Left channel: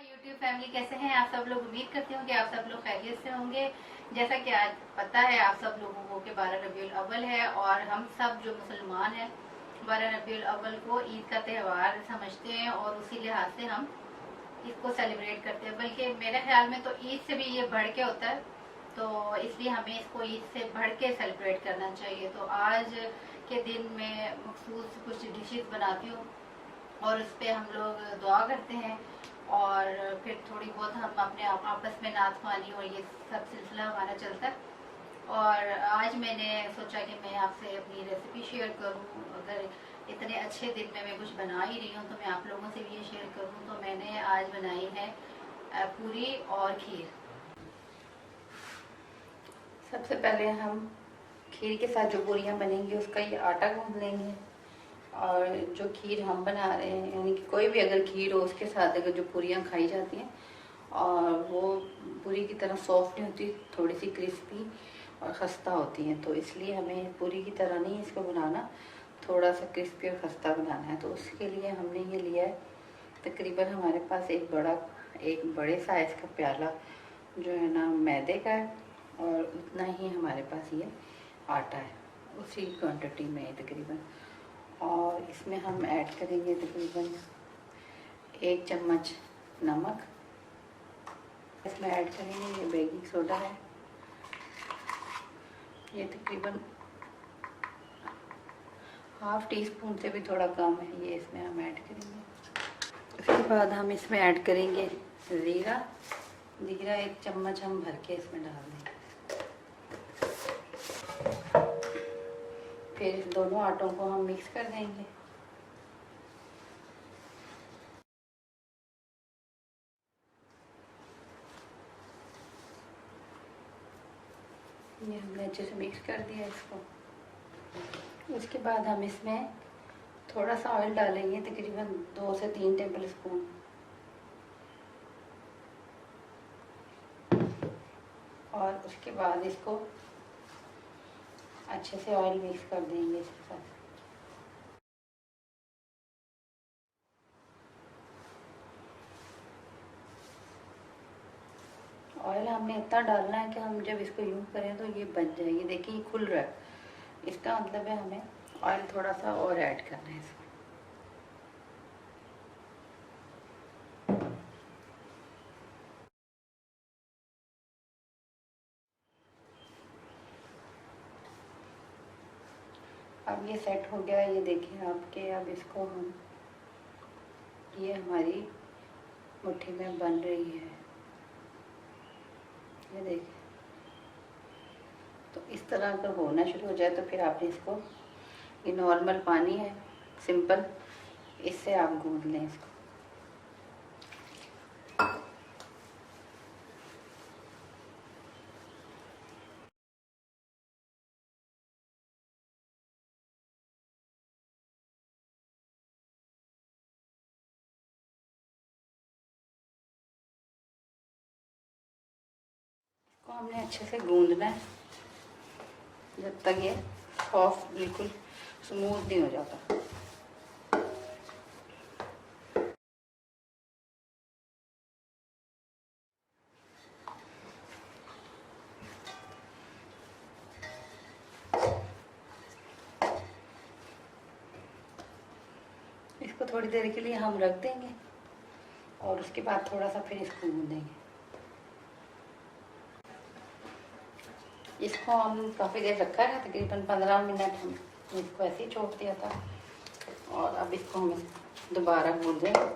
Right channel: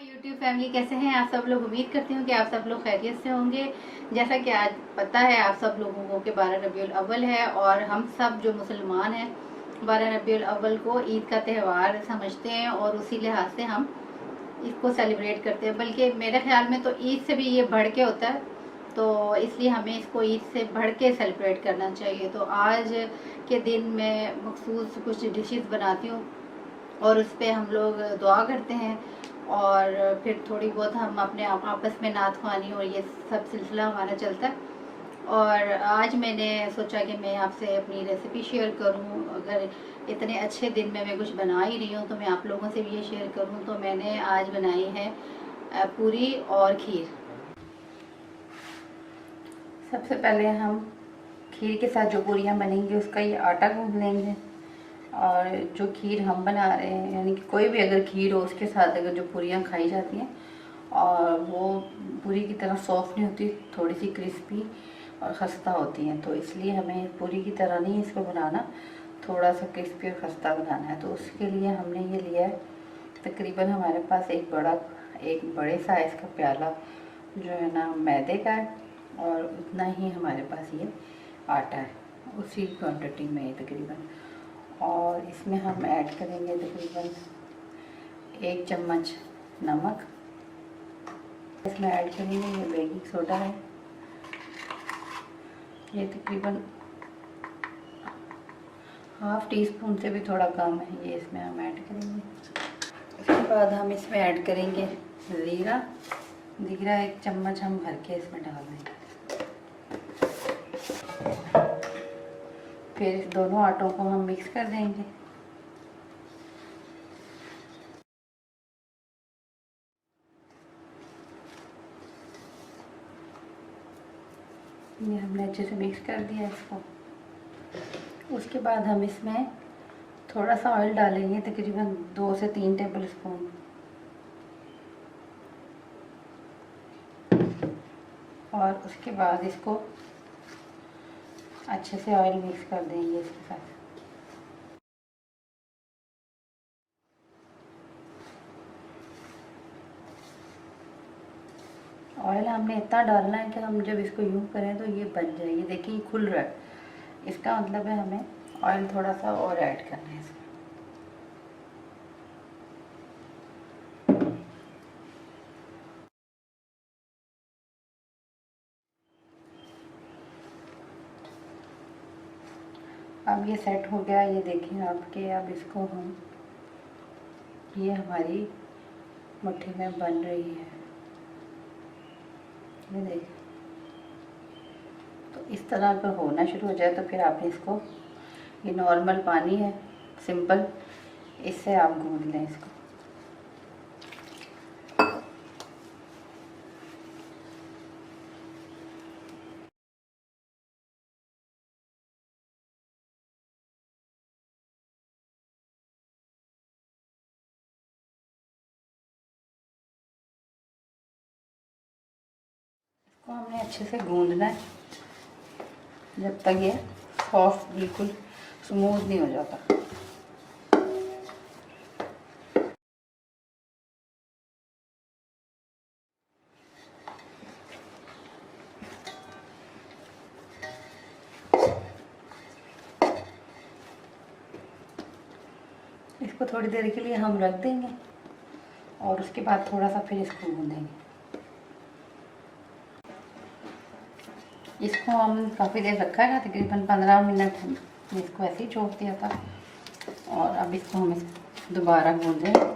My YouTube family, कैसे हैं आप सब लोग। उम्मीद करती हूँ कि आप सब लोग खैरियत से होंगे। जैसा कि आज पता है आप सब लोगों को कि 12 रबीउल अव्वल है और हम सब जो मुसलमान हैं 12 रबीउल अव्वल को ईद का त्यौहार समझते हैं और उसी लिहाज से हम इसको सेलिब्रेट करते हैं। बल्कि मेरे ख्याल में तो ईद से भी ये बढ़ के होता है, तो इसलिए हमें इसको ईद से बढ़ के सेलिब्रेट करना चाहिए। तो आज के दिन मैं मखसूस कुछ डिशेस बनाती हूँ और उस पर हम लोग दुआ करते हैं और फिर थोड़ी बहुत हम अपने आपस में नात ख्वानी और ये सब सिलसिला हमारा चलता है। और आज मैंने सोचा कि मैं आपसे अपनी रेसिपी शेयर करूं। अगर इतने अच्छे दिन में मैं कुछ बना ही रही हूं तो मैं आप लोगों से भी ये शेयर करूं। तो मैंने आज बनाई है पूरी और खीर। सबसे पहले हम खीर के साथ जो पूरियाँ बनेंगी उसका ये आटा गूँथ लेंगे। और जो खीर हम बना रहे हैं, यानी कि कोई भी अगर खीर हो उसके साथ अगर जो पूरियाँ खाई जाती हैं और वो पूरी की तरह सॉफ्ट नहीं होती, थोड़ी सी क्रिस्पी और खस्ता होती हैं, तो इसलिए हमें पूरी की तरह नहीं इसको बनाना, थोड़ा सा क्रिस्पी और खस्ता बनाना है। तो उसके लिए हमने ये लिया है तकरीबन हमारे पास एक बड़े साइज़ का प्याला जो है ना मैदे का है, और उतना ही हमारे पास ये आटा है, उसी क्वांटिटी में तकरीबन। और इसमें हम ऐड करेंगे तकरीबन 1 चम्मच नमक। इसमें ऐड करेंगे ये बेकिंग सोडा है, ये तकरीबन ½ टीस्पून से भी थोड़ा कम है, ये इसमें हम ऐड करेंगे। उसके बाद हम इसमें ऐड करेंगे ज़ीरा। ज़ीरा 1 चम्मच हम भर के इसमें डाल देंगे। फिर इस दोनों आटों को हम मिक्स कर देंगे। ये हमने अच्छे से मिक्स कर दिया इसको। उसके बाद हम इसमें थोड़ा सा ऑयल डालेंगे, तकरीबन 2 से 3 टेबल स्पून। और उसके बाद इसको अच्छे से ऑयल मिक्स कर देंगे इसके साथ। ऑयल हमने इतना डालना है कि हम जब इसको यूँ करें तो ये बन जाए। ये देखिए ये खुल रहा है, इसका मतलब है हमें ऑयल थोड़ा सा और ऐड करना है इसमें। अब ये सेट हो गया, ये देखिए आपके। अब इसको हम, ये हमारी मुट्ठी में बन रही है, ये देखिए। तो इस तरह अगर होना शुरू हो जाए तो फिर आपने इसको, ये नॉर्मल पानी है सिंपल, इससे आप गूंद लें इसको। इसको हमने अच्छे से गूंदना है जब तक ये सॉफ्ट बिल्कुल स्मूथ नहीं हो जाता। इसको थोड़ी देर के लिए हम रख देंगे और उसके बाद थोड़ा सा फिर इसको गूंदेंगे। इसको हम काफ़ी देर रखा है, तकरीबन 15 मिनट हम इसको ऐसे ही छोड़ दिया था। और अब इसको हम दोबारा गूंदेंगे।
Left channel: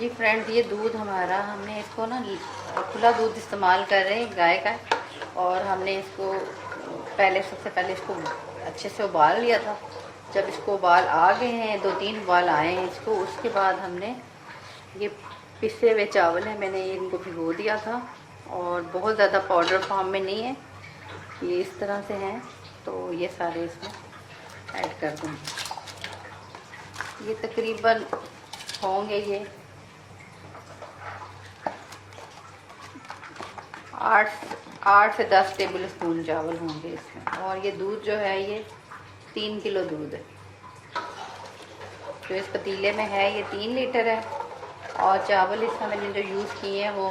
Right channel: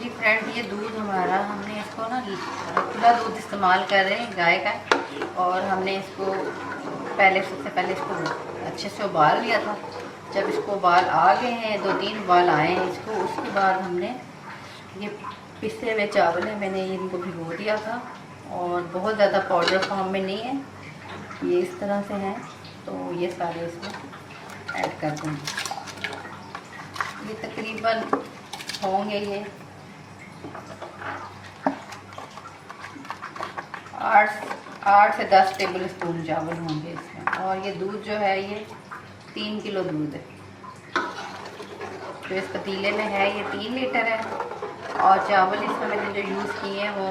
जी फ्रेंड, ये दूध हमारा, हमने इसको ना खुला दूध इस्तेमाल कर रहे हैं गाय का, और हमने इसको सबसे पहले इसको अच्छे से उबाल लिया था। जब इसको उबाल आ गए हैं, 2-3 उबाल आए हैं इसको, उसके बाद हमने ये पिसे हुए चावल है, मैंने इनको भिगो दिया था, और बहुत ज़्यादा पाउडर फॉर्म में नहीं है, ये इस तरह से हैं, तो ये सारे इसमें ऐड कर दूँगी। ये तकरीबन होंगे ये 8 से 10 टेबल स्पून चावल होंगे इसमें। और ये दूध जो है ये 3 किलो दूध है, जो इस पतीले में है ये 3 लीटर है। और चावल इसमें मैंने जो यूज़ किए हैं वो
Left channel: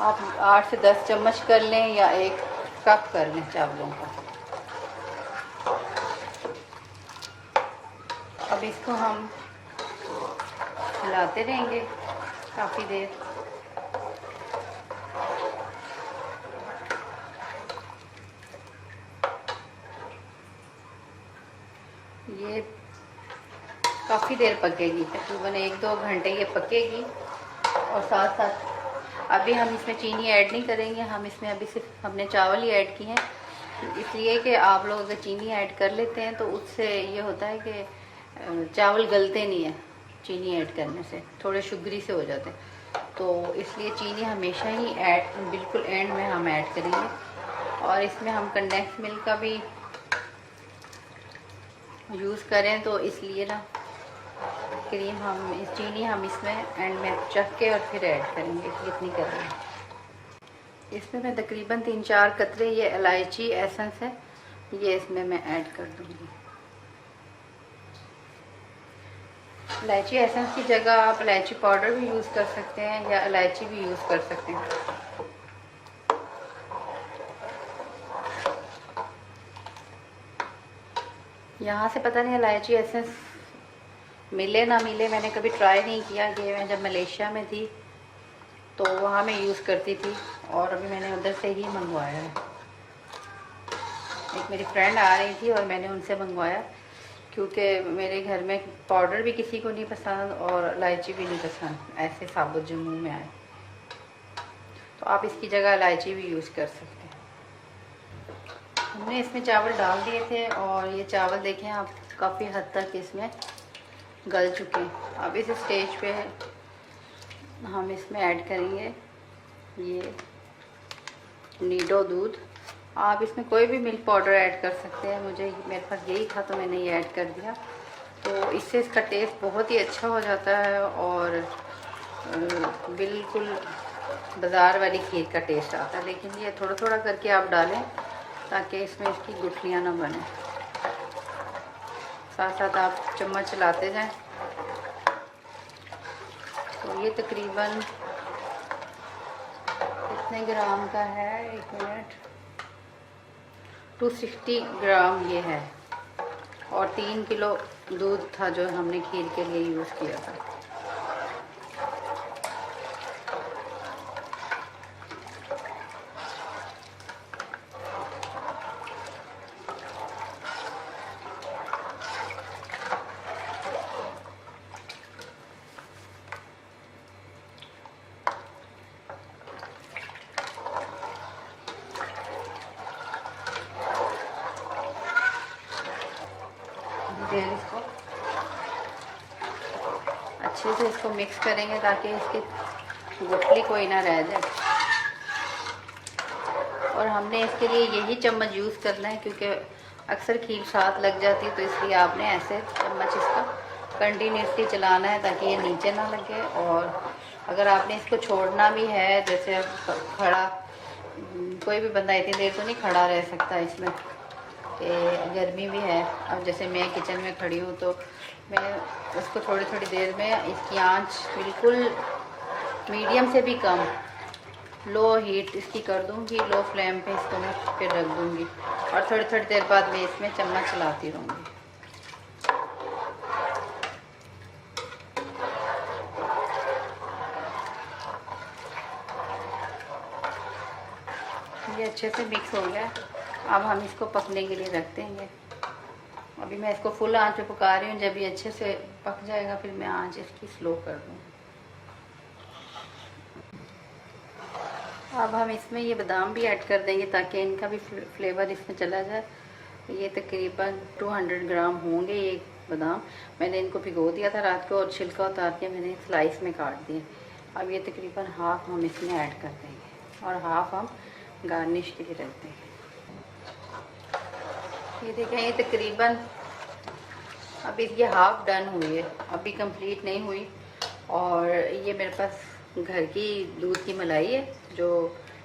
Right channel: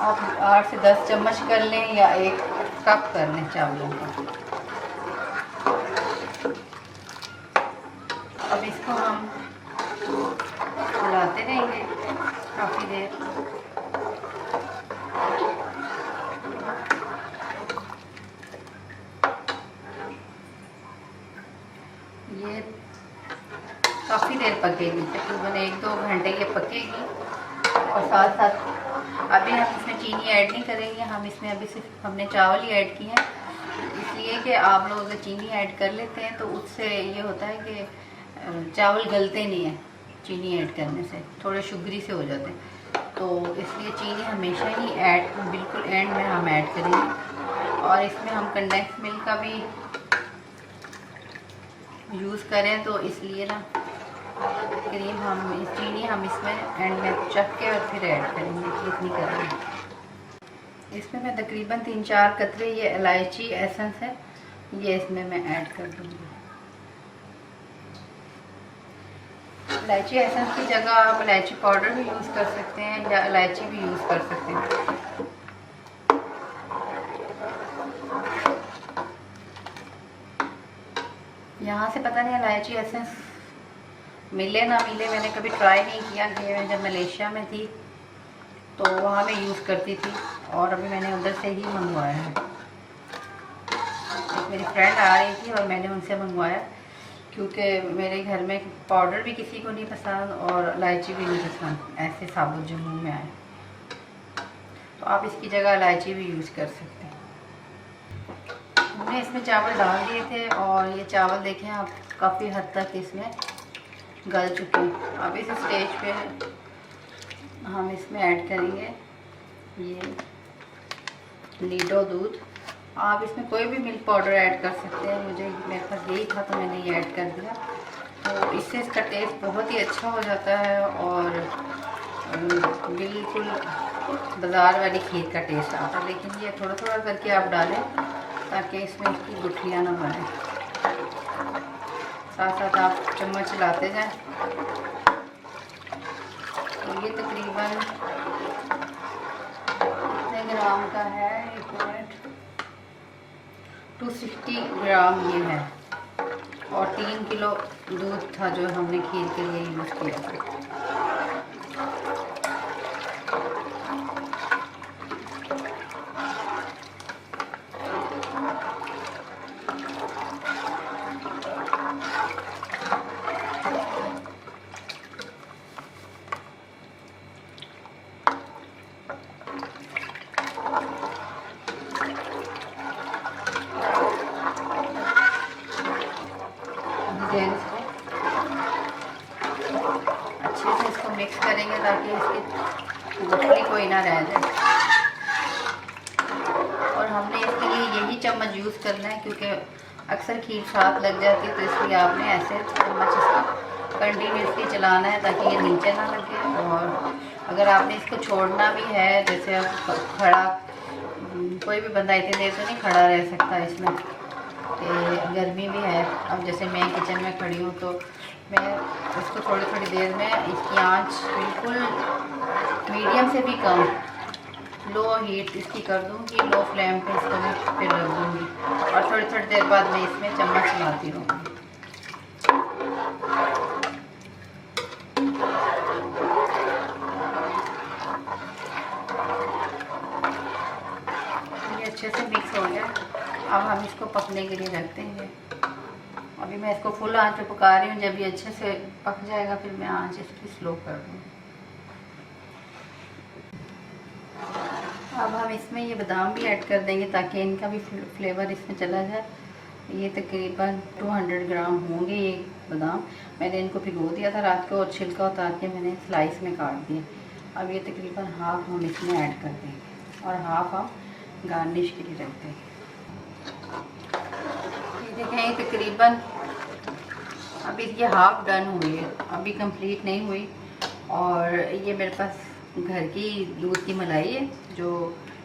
आप 8 से 10 चम्मच कर लें या 1 कप कर लें चावलों का। अब इसको हम चलाते रहेंगे काफ़ी देर। ये काफ़ी देर पकेगी, तकरीबन 1-2 घंटे ये पकेगी। और साथ साथ अभी हम इसमें चीनी ऐड नहीं करेंगे, हम इसमें अभी सिर्फ हमने चावल ही ऐड किए हैं, इसलिए कि आप लोग अगर चीनी ऐड कर लेते हैं तो उससे ये होता है कि चावल गलते नहीं है, चीनी ऐड करने से थोड़े शुगरी से हो जाते हैं, तो इसलिए चीनी हमेशा ही बिल्कुल एंड में हम ऐड करेंगे। और इसमें हम कंडेंस मिल्क का भी यूज़ करें, तो इसलिए ना चीनी हम इसमें एंड में चख के और फिर ऐड करेंगे, इतनी करेंगे। इसमें मैं तकरीबन 3-4 कतरे ये इलायची एसेंस है, ये इसमें मैं ऐड कर दूँगी। इलायची एसेंस की जगह आप इलायची पाउडर भी यूज़ कर सकते हैं या इलायची भी यूज़ कर सकते हैं। यहाँ से पता नहीं इलायची एसेंस मिले ना मिले, मैंने कभी ट्राई नहीं किया कि मैं जब मलेशिया में थी तो वहाँ मैं यूज़ करती थी, और अभी मैंने उधर से ही मंगवाया है। एक मेरी फ्रेंड आ रही थी और मैंने उनसे मंगवाया, क्योंकि मेरे घर में पाउडर भी किसी को नहीं पसंद और इलायची भी नहीं पसंद ऐसे साबुत जो मुँह में आए, तो आप इसकी जगह इलायची भी यूज़ कर सकते हैं। मैंने इसमें चावल डाल दिए थे और ये चावल देखें आप काफ़ी हद तक इसमें गल चुके हैं। अब इस स्टेज पे हम इसमें ऐड करेंगे ये नीडो दूध। आप इसमें कोई भी मिल्क पाउडर ऐड कर सकते हैं, मेरे पास यही था तो मैंने ये ऐड कर दिया, तो इससे इसका टेस्ट बहुत ही अच्छा हो जाता है और बिल्कुल बाज़ार वाली खीर का टेस्ट आता है। लेकिन ये थोड़ा थोड़ा करके आप डालें ताकि इसमें इसकी गुठलियाँ ना बने, साथ साथ आप चम्मच चलाते जाएं। तो ये तकरीबन कितने ग्राम का है, 1 मिनट, 260 ग्राम ये है, और 3 किलो दूध था जो हमने खीर के लिए यूज़ किया था। अच्छे से इसको मिक्स करेंगे ताकि इसकी गुठली कोई ना रह जाए। और हमने इसके लिए यही चम्मच यूज़ करना है, क्योंकि अक्सर खीर साथ लग जाती है, तो इसलिए आपने ऐसे चम्मच इसको कंटिन्यूसली चलाना है ताकि ये नीचे ना लगे। और अगर आपने इसको छोड़ना भी है, जैसे आप खड़ा, कोई भी बंदा इतनी देर तो नहीं खड़ा रह सकता इसमें, गर्मी भी है। अब जैसे मैं किचन में खड़ी हूँ तो मैं उसको थोड़ी थोड़ी देर में इसकी आंच बिल्कुल मीडियम से भी कम, लो हीट इसकी कर दूँगी, लो फ्लेम पे इसको मैं फिर रख दूँगी, और थोड़ी थोड़ी देर बाद मैं इसमें चम्मच चलाती रहूँगी। ये अच्छे से मिक्स हो जाए, अब हम इसको पकने के लिए रख देंगे। अभी मैं इसको फुल आंच पे पका रही हूँ, जब ये अच्छे से पक जाएगा फिर मैं आंच इसकी स्लो कर दूँगी। अब हम इसमें ये बादाम भी ऐड कर देंगे ताकि इनका भी फ्लेवर इसमें चला जाए। ये तकरीबन 200 ग्राम होंगे ये बादाम। मैंने इनको भिगो दिया था रात को और छिलका उतार के मैंने स्लाइस में काट दिया। अब ये तकरीबन हाफ हम इसमें ऐड कर देंगे और हाफ हम गार्निश के लिए रख देंगे। ये देखें, ये तकरीबन अभी ये हाफ डन हुई है, अभी कंप्लीट नहीं हुई। और ये मेरे पास घर की दूध की मलाई है जो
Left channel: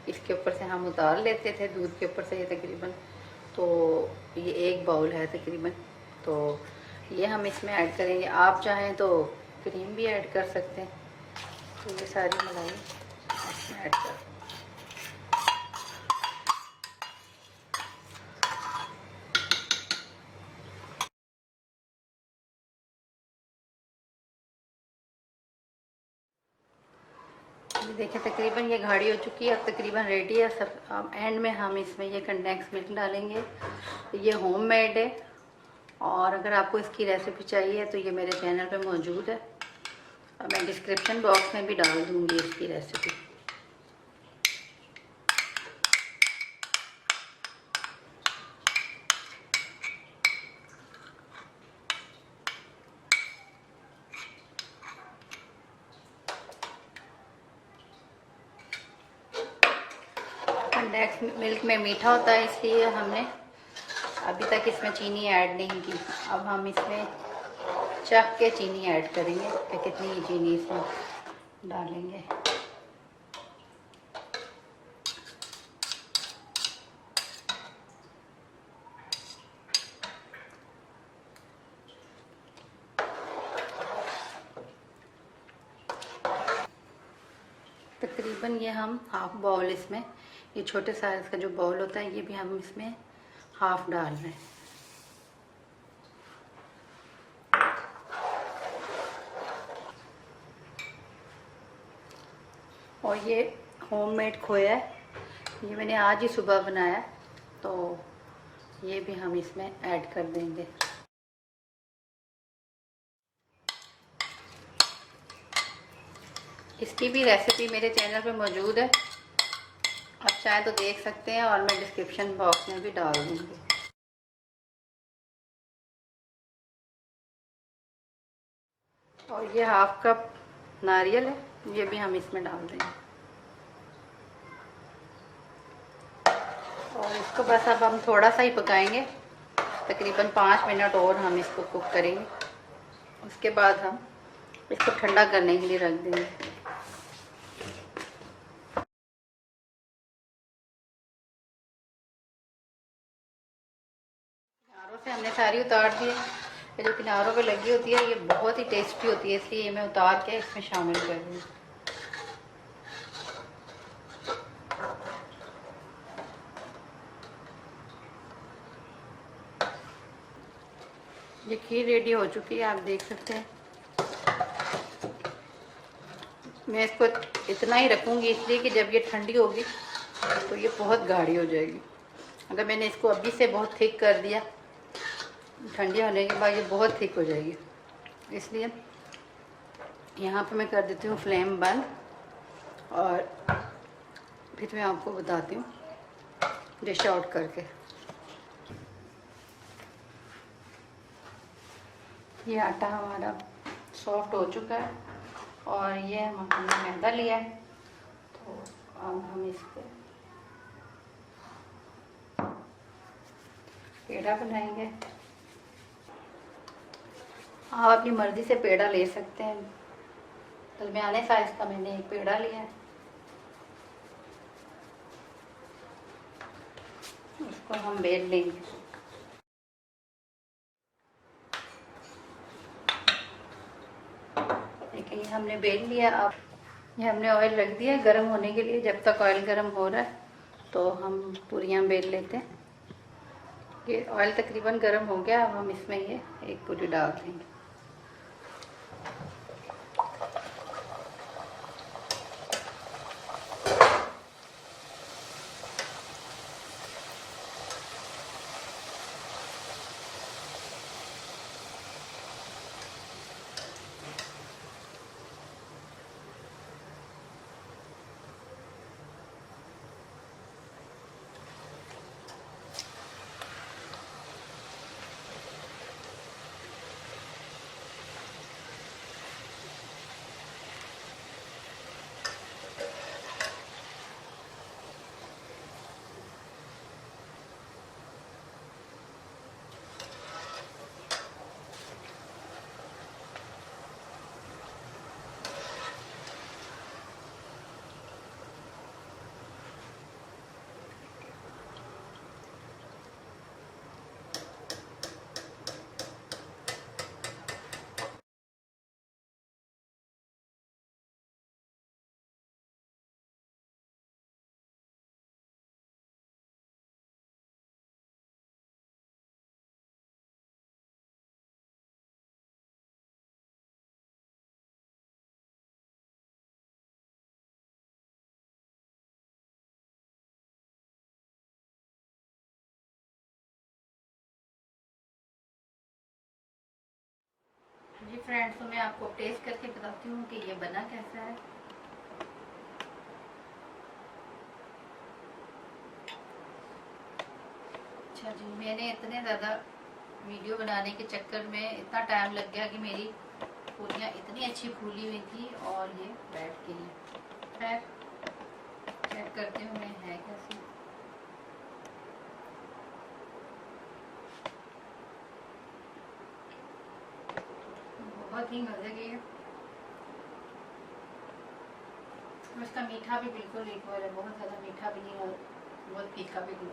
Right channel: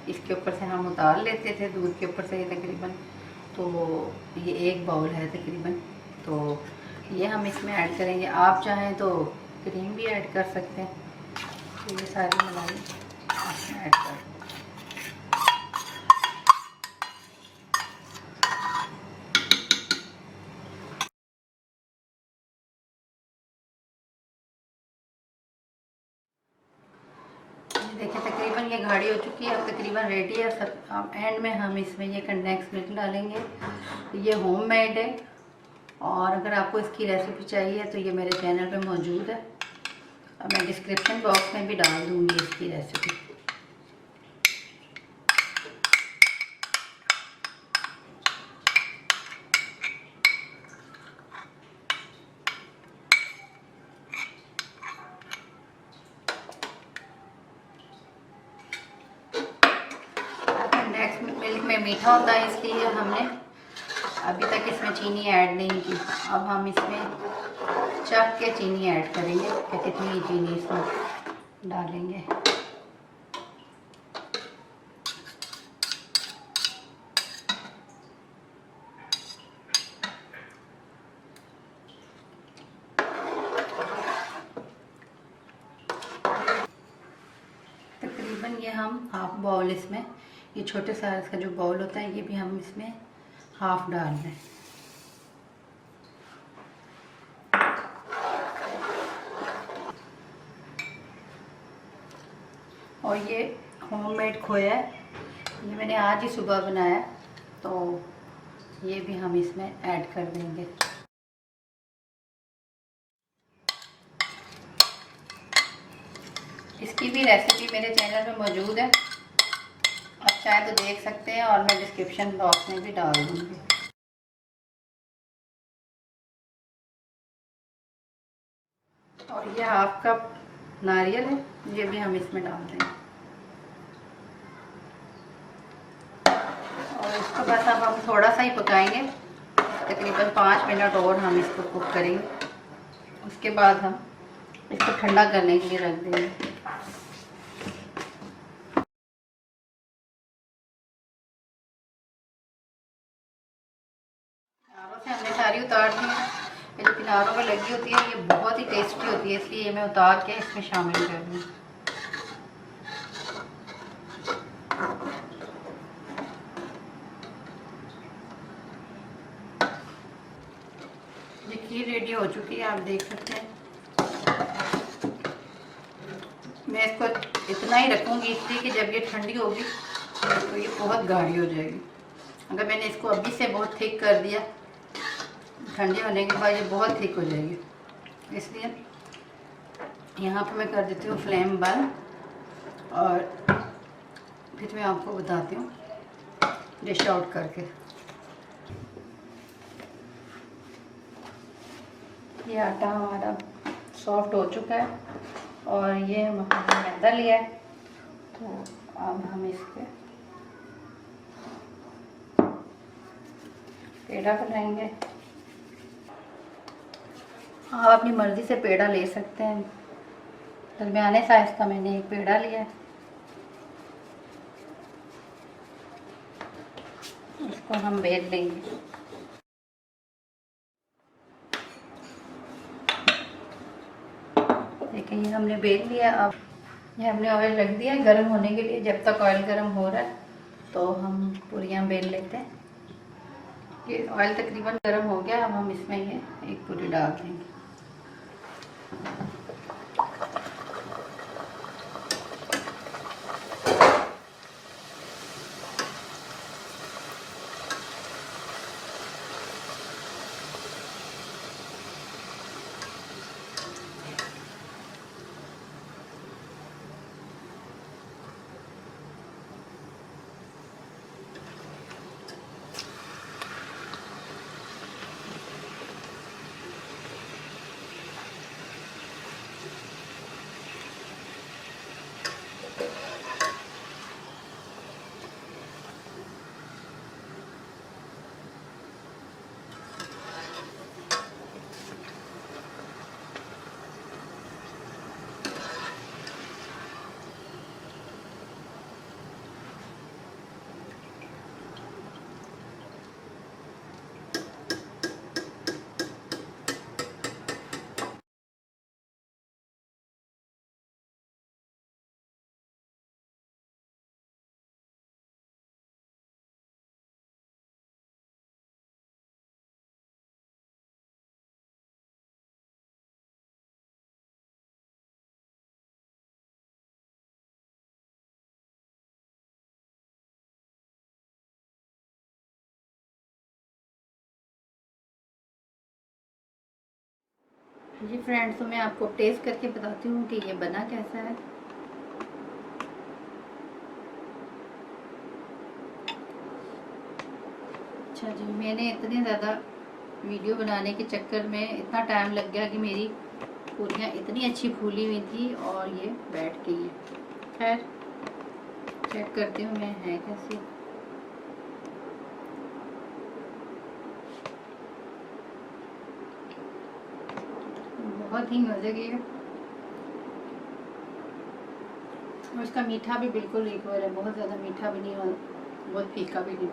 इसके ऊपर से हम उतार लेते थे दूध के ऊपर से। ये तकरीबन तो ये 1 बाउल है तकरीबन, तो ये हम इसमें ऐड करेंगे। आप चाहें तो क्रीम भी ऐड कर सकते हैं। तो ये सारी मलाई इसमें ऐड कर। देखिए तकरीबन ये गाढ़ी हो चुकी है, अब तकरीबन रेडी है सब। अब एंड में हम इसमें ये कंडेंस मिल्क डालेंगे। ये होममेड है और अगर आपको इसकी रेसिपी चाहिए तो ये मेरे चैनल पे मौजूद है। अब मैं डिस्क्रिप्शन बॉक्स में भी डाल दूँगी इसकी रेसिपी। कंडेंस मिल्क में मीठा होता है इसलिए हमने अभी तक इसमें चीनी ऐड नहीं की। अब हम इसमें चख के चीनी ऐड करेंगे कि कितनी चीनी इसमें डालेंगे। तकरीबन ये हम हाफ बाउल इसमें, ये छोटे साइज़ का जो बाउल होता है ये भी हम इसमें हाफ डाल रहे हैं। और ये होममेड खोया है, ये मैंने आज ही सुबह बनाया, तो ये भी हम इसमें ऐड कर देंगे। इसकी भी रेसिपी मेरे चैनल पे मौजूद है, आप चाहे तो देख सकते हैं और मैं डिस्क्रिप्शन बॉक्स में भी डाल दूँगी। और ये हाफ कप नारियल है, ये भी हम इसमें डाल देंगे। और इसको बस अब हम थोड़ा सा ही पकाएंगे, तकरीबन 5 मिनट और हम इसको कुक करेंगे। उसके बाद हम इसको ठंडा करने के लिए रख देंगे। किनारों से हमने सारी उतार दी है। ये जो किनारों पे लगी होती है ये बहुत ही टेस्टी होती है, इसलिए मैं उतार के इसमें शामिल कर दूँ। देखिए रेडी हो चुकी है, आप देख सकते हैं। मैं इसको इतना ही रखूँगी इसलिए कि जब ये ठंडी होगी तो ये बहुत गाढ़ी हो जाएगी। अगर मैंने इसको अभी से बहुत थिक कर दिया, ठंडे होने के बाद ये बहुत थिक हो जाएगी। इसलिए यहाँ पर मैं कर देती हूँ फ्लेम बंद और फिर मैं आपको बताती हूँ डिश आउट करके। ये आटा हमारा सॉफ्ट हो चुका है और ये हमने मैदा लिया है, तो अब हम इस पर पेड़ा बनाएंगे। आप अपनी मर्ज़ी से पेड़ा ले सकते हैं। दरमियाने साइज़ का मैंने एक पेड़ा लिया है, उसको हम बेल लेंगे। देखिए ये हमने बेल लिया। अब ये हमने ऑयल रख दिया गर्म होने के लिए। जब तक ऑयल गर्म हो रहा है तो हम पूरियाँ बेल लेते हैं। ये ऑयल तकरीबन गर्म हो गया, अब हम इसमें ये एक पूरी डाल देंगे। जी फ्रेंड्स, तो मैं आपको टेस्ट करके बताती हूँ कि ये बना कैसा है। अच्छा जी, मैंने इतने ज़्यादा वीडियो बनाने के चक्कर में इतना टाइम लग गया कि मेरी पूरियाँ इतनी अच्छी फूली हुई थी और ये बैठ गई है। खैर चेक करती हूँ मैं है कैसी। बहुत ही मज़े की है और इसका मीठा भी बिल्कुल इक्वल है, बहुत ज़्यादा मीठा भी नहीं और बहुत फीका भी नहीं।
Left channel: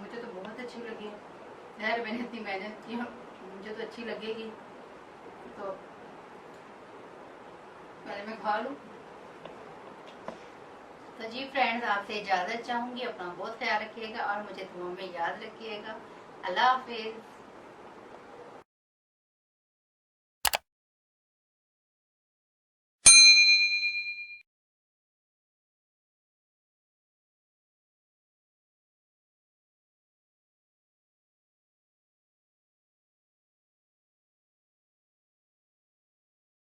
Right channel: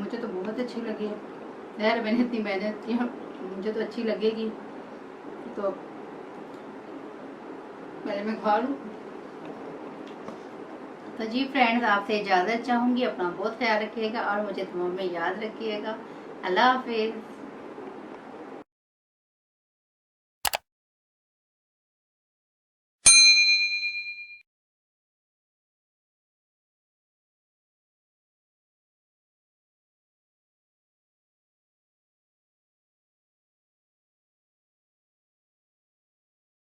मुझे तो बहुत अच्छी लगी है। खैर मैंने इतनी मेहनत की, मुझे तो अच्छी लगेगी तो पहले मैं खा लूँ। तो जी फ्रेंड्स, आपसे इजाज़त चाहूँगी। अपना बहुत ख्याल रखिएगा और मुझे दुआ में याद रखिएगा। अल्लाह हाफिज़।